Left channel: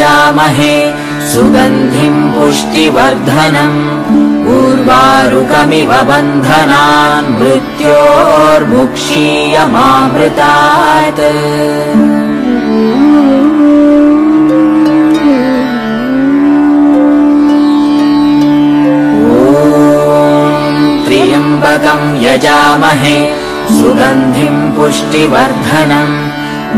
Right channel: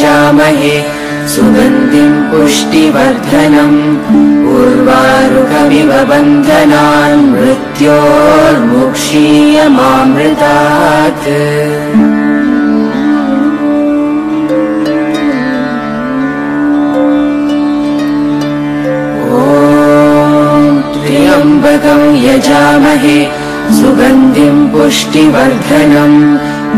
यजामहे सुगन्धिम् पुष्टिवर्धनम् उर्वारुकमिव बन्धनान् मृत्योर्मुक्षीयमामृतात् त्र्यम्बकम् यजामहे सुगन्धिम् पुष्टिवर्धनम्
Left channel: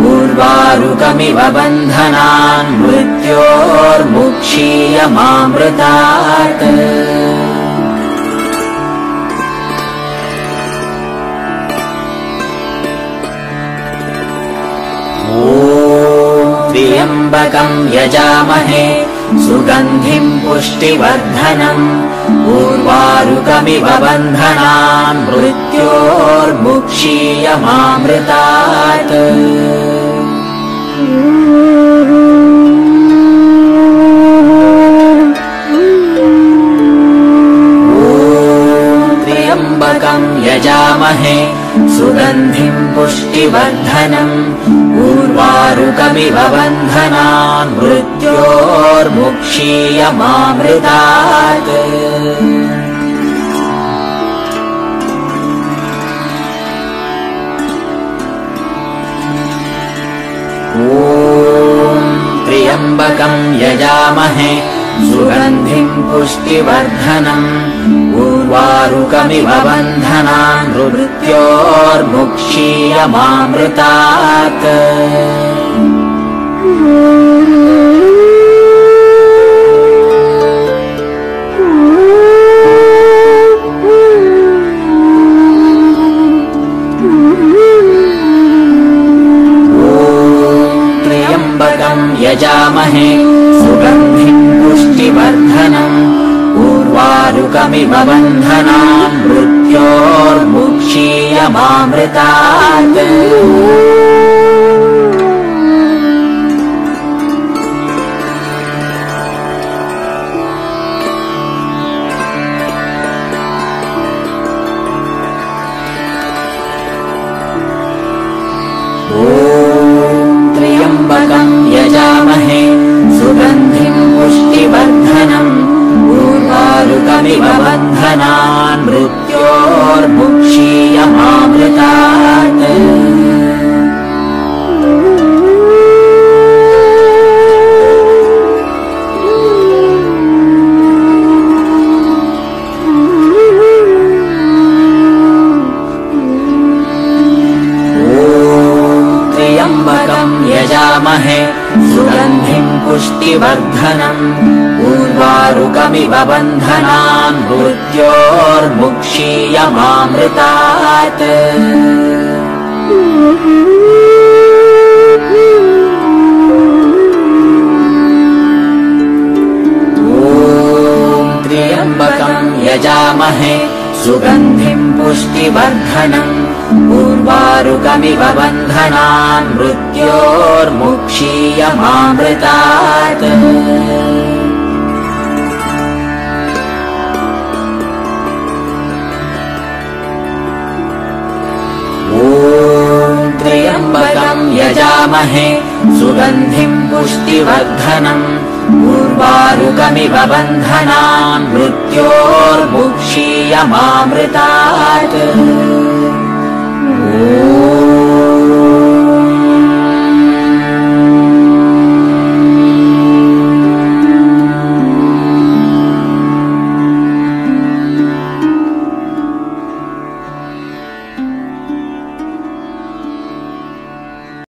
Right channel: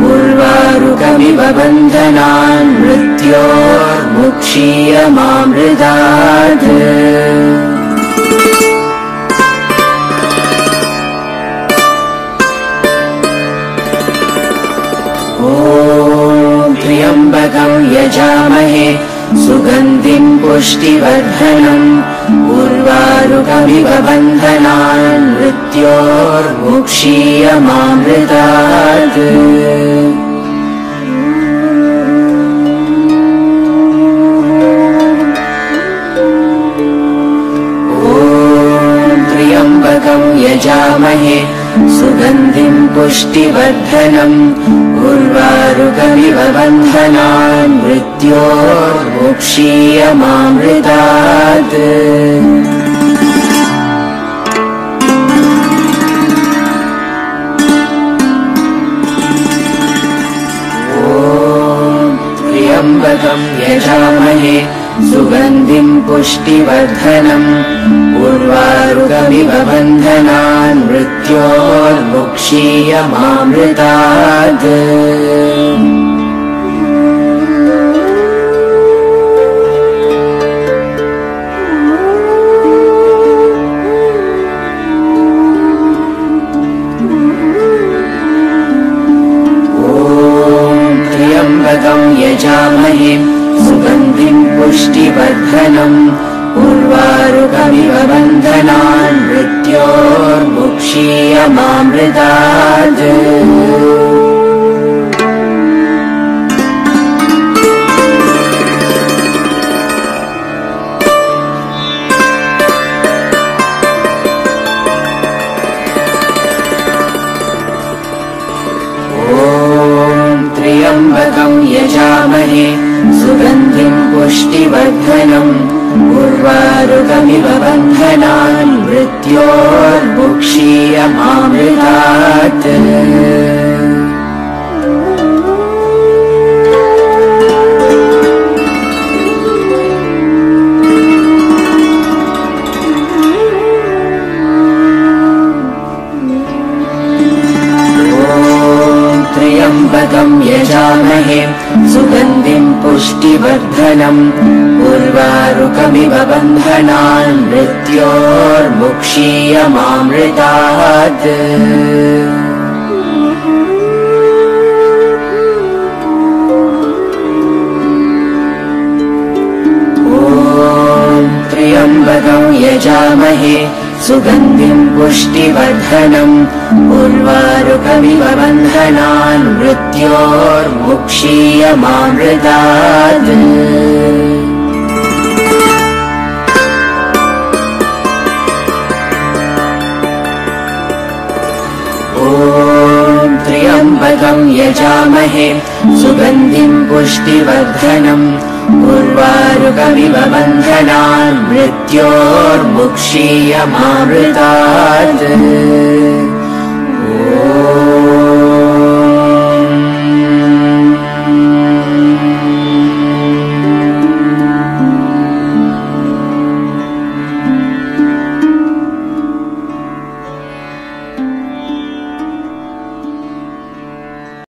उर्वारुकमिव बन्धनान् मृत्योर्मुक्षीयमामृतात् त्र्यम्बकम् यजामहे सुगन्धिम् पुष्टिवर्धनम् उर्वारुकमिव बन्धनान् मृत्योर्मुक्षीयमामृतात् त्र्यम्बकम् यजामहे सुगन्धिम् पुष्टिवर्धनम् उर्वारुकमिव बन्धनान् मृत्योर्मुक्षीयमामृतात् त्र्यम्बकम् यजामहे सुगन्धिम् पुष्टिवर्धनम् उर्वारुकमिव बन्धनान् मृत्योर्मुक्षीयमामृतात् त्र्यम्बकम् यजामहे सुगन्धिम् पुष्टिवर्धनम् उर्वारुकमिव बन्धनान् मृत्योर्मुक्षीयमामृतात् त्र्यम्बकम् यजामहे सुगन्धिम् पुष्टिवर्धनम् उर्वारुकमिव बन्धनान् मृत्योर्मुक्षीयमामृतात् त्र्यम्बकम् यजामहे सुगन्धिम् पुष्टिवर्धनम् उर्वारुकमिव बन्धनान् मृत्योर्मुक्षीयमामृतात् त्र्यम्बकम् यजामहे सुगन्धिम् पुष्टिवर्धनम् उर्वारुकमिव बन्धनान् मृत्योर्मुक्षीयमामृतात् त्र्यम्बकम् यजामहे सुगन्धिम् पुष्टिवर्धनम् उर्वारुकमिव बन्धनान् मृत्योर्मुक्षीयमामृतात्